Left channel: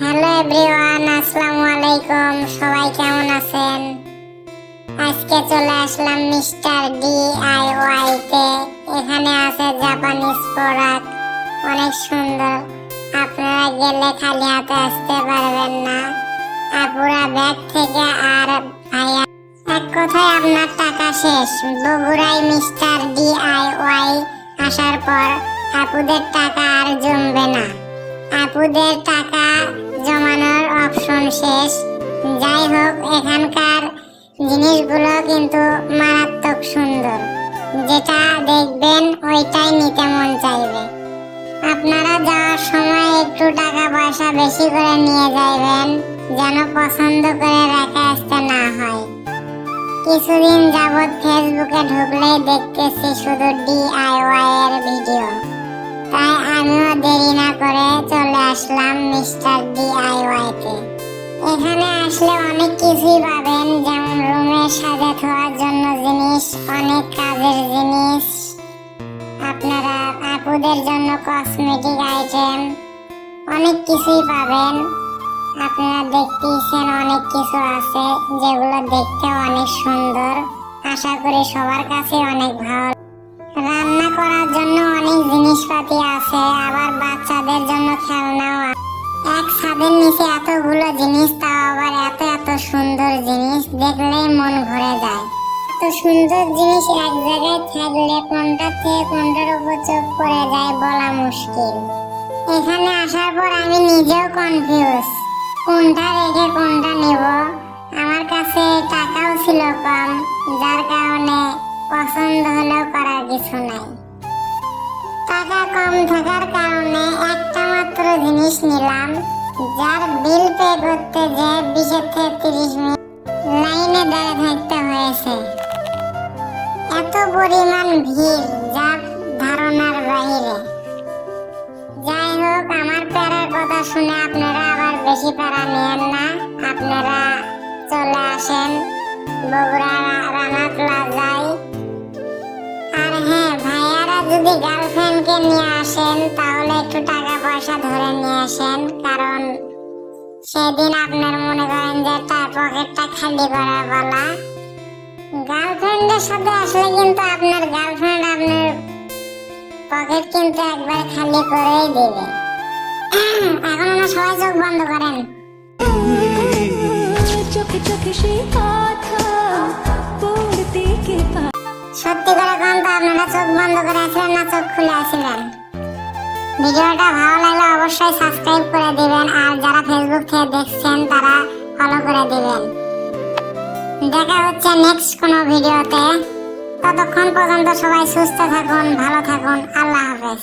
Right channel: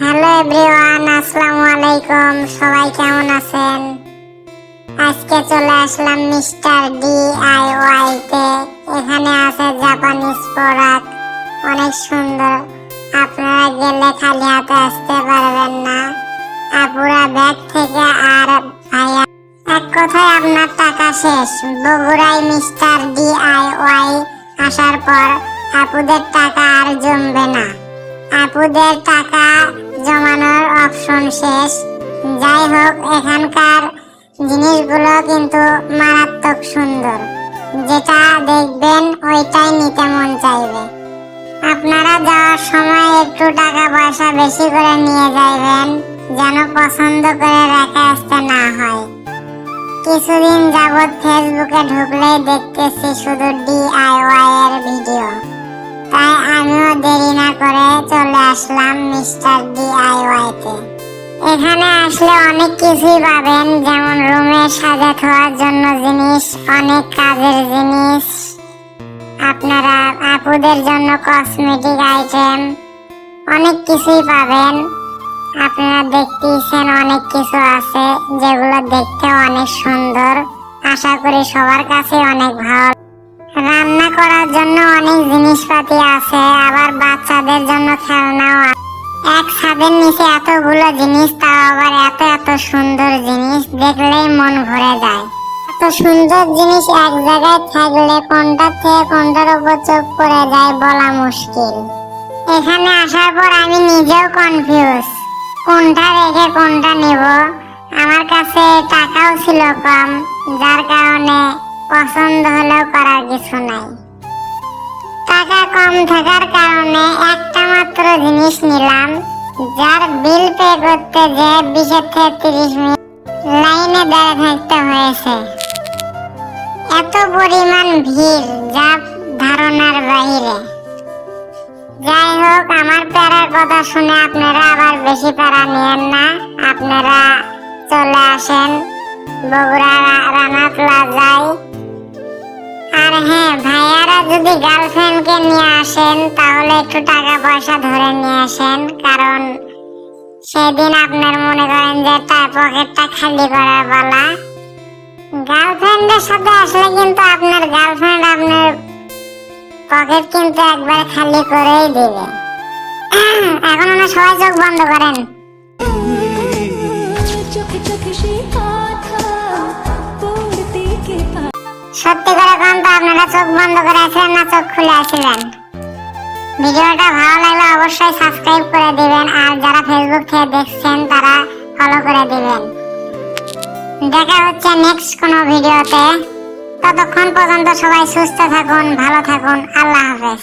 Hello everyone, আসসালামু আলাইকুম। সবাই কেমন আছেন? আজকে চলে আসলাম মিস্টার DIY তে। এখানে আছে জাপানিজ প্রোডাক্ট, অনেক সুন্দর। আপনারা গেলে খালি হাতে আসতে পারবেন না। আপুরা ব্যাগ থেকে আর ভাইয়া, এক কথায় আপনার টাকা শেষ। বগুড়ায় মিস্টার DIY আসার পর আপুদের টাকা আর জমবে না। আপুদের টাকা জমানোর অপশন শেষ। যাই হোক, এখানকার জিনিসগুলো কিন্তু মারাত্মক সুন্দর। যেটা দেখবেন ওইটাই নিতে মন চাইবে। আপনারা যাওয়ার সময় একটু টাকা পয়সা বেশি করে নিয়ে যাইবেন, যেন পছন্দ করে রেখে আসতে না হয়। কিছুদিন যাবৎ ফেসবুকে ঢুকলেই দেখতেছি শুধু DIY এর ভিডিও। তাই আমিও দেরি না করে চলে আসলাম মিস্টার DIY তে। এখানে আসলে অনেক কিছুই পাবেন, যেমন রুমে সাজা থাকার জন্য জিনিস, অনেক কাজের জিনিস, আপনারা আপুদের জন্য কসমেটিক আইটেম, অনেক কিছুই পাবেন। আপনারা দেখতেইছেন অনেক কিছু আছে যেগুলো দেখতে অনেক সুন্দর। আশা করি সবার কাছে অনেক ভালো। রান্না করার জন্য অনেক জিনিসপাতি আছে, আবার বাচ্চাদের জন্য খেলনাও আছে। এক ছাদের নিচে এতগুলো জিনিস, তাও আবার এত এত সুন্দর জিনিস, দেখলেই মন ভরে যায়। এত সুন্দর জিনিস এক জায়গায় থাকলে কোনটা থেকে কোনটার উপর চোখ পড়ে যায় বলা মুশকিল। এখানে আসার পর আমি নিজেও কনফিউজ, কোনটা রেখে কোনটা নিব। আমার কাছে টাকাও ছিল কম, যার কারণে পছন্দ হলেও করার কিছু নাই। টাকা কম থাকার কারণে একটা মাত্র জিনিস নিলাম, যার বিল পে করতে যে 20 থেকে 30 মিনিট লাইনে দাঁড়িয়ে থাকতে হয়েছে। এত পরিমাণ ভিড়, যা ধারণার বাইরে। যাই হোক, আমার প্যারার কথা শুনে আপনারা আবার বেশি প্যারা নিয়েন না। আপনারা চলে আসেন বগুড়া রানা প্লাজায়। আর হ্যাঁ, ভাইয়ারা যদি গার্লফ্রেন্ডকে নিয়ে আসেন তাহলে একটু টাকা পয়সা ধরে নিয়ে আসেন, কারণ সেদিন আপনার মনে করেন যে তার পকেটটা খালি করার পালা। গার্লফ্রেন্ডের সাথে আসলে কিন্তু আপনার গার্লফ্রেন্ড আপনার পকেট কিন্তু একবার খালি করেই দেবে। এখন না সবাই চোখ বন্ধ করেন। সত্যি করে কোন তো আপনারা চোখ বন্ধ করে আছিলেন না চোখ খুলে আছিলেন? ভিডিওটা ভালো লাগলে অবশ্যই সাবস্ক্রাইব করে দিবেন, আর যারা ফেসবুক থেকে দেখছেন তারা ফলো করে দিবেন। দেখা হচ্ছে নেক্সট কোনো ভিডিওতে। ততক্ষণ পর্যন্ত সবাই সুস্থ থাকুন, ভালো থাকুন। আল্লাহ হাফেজ।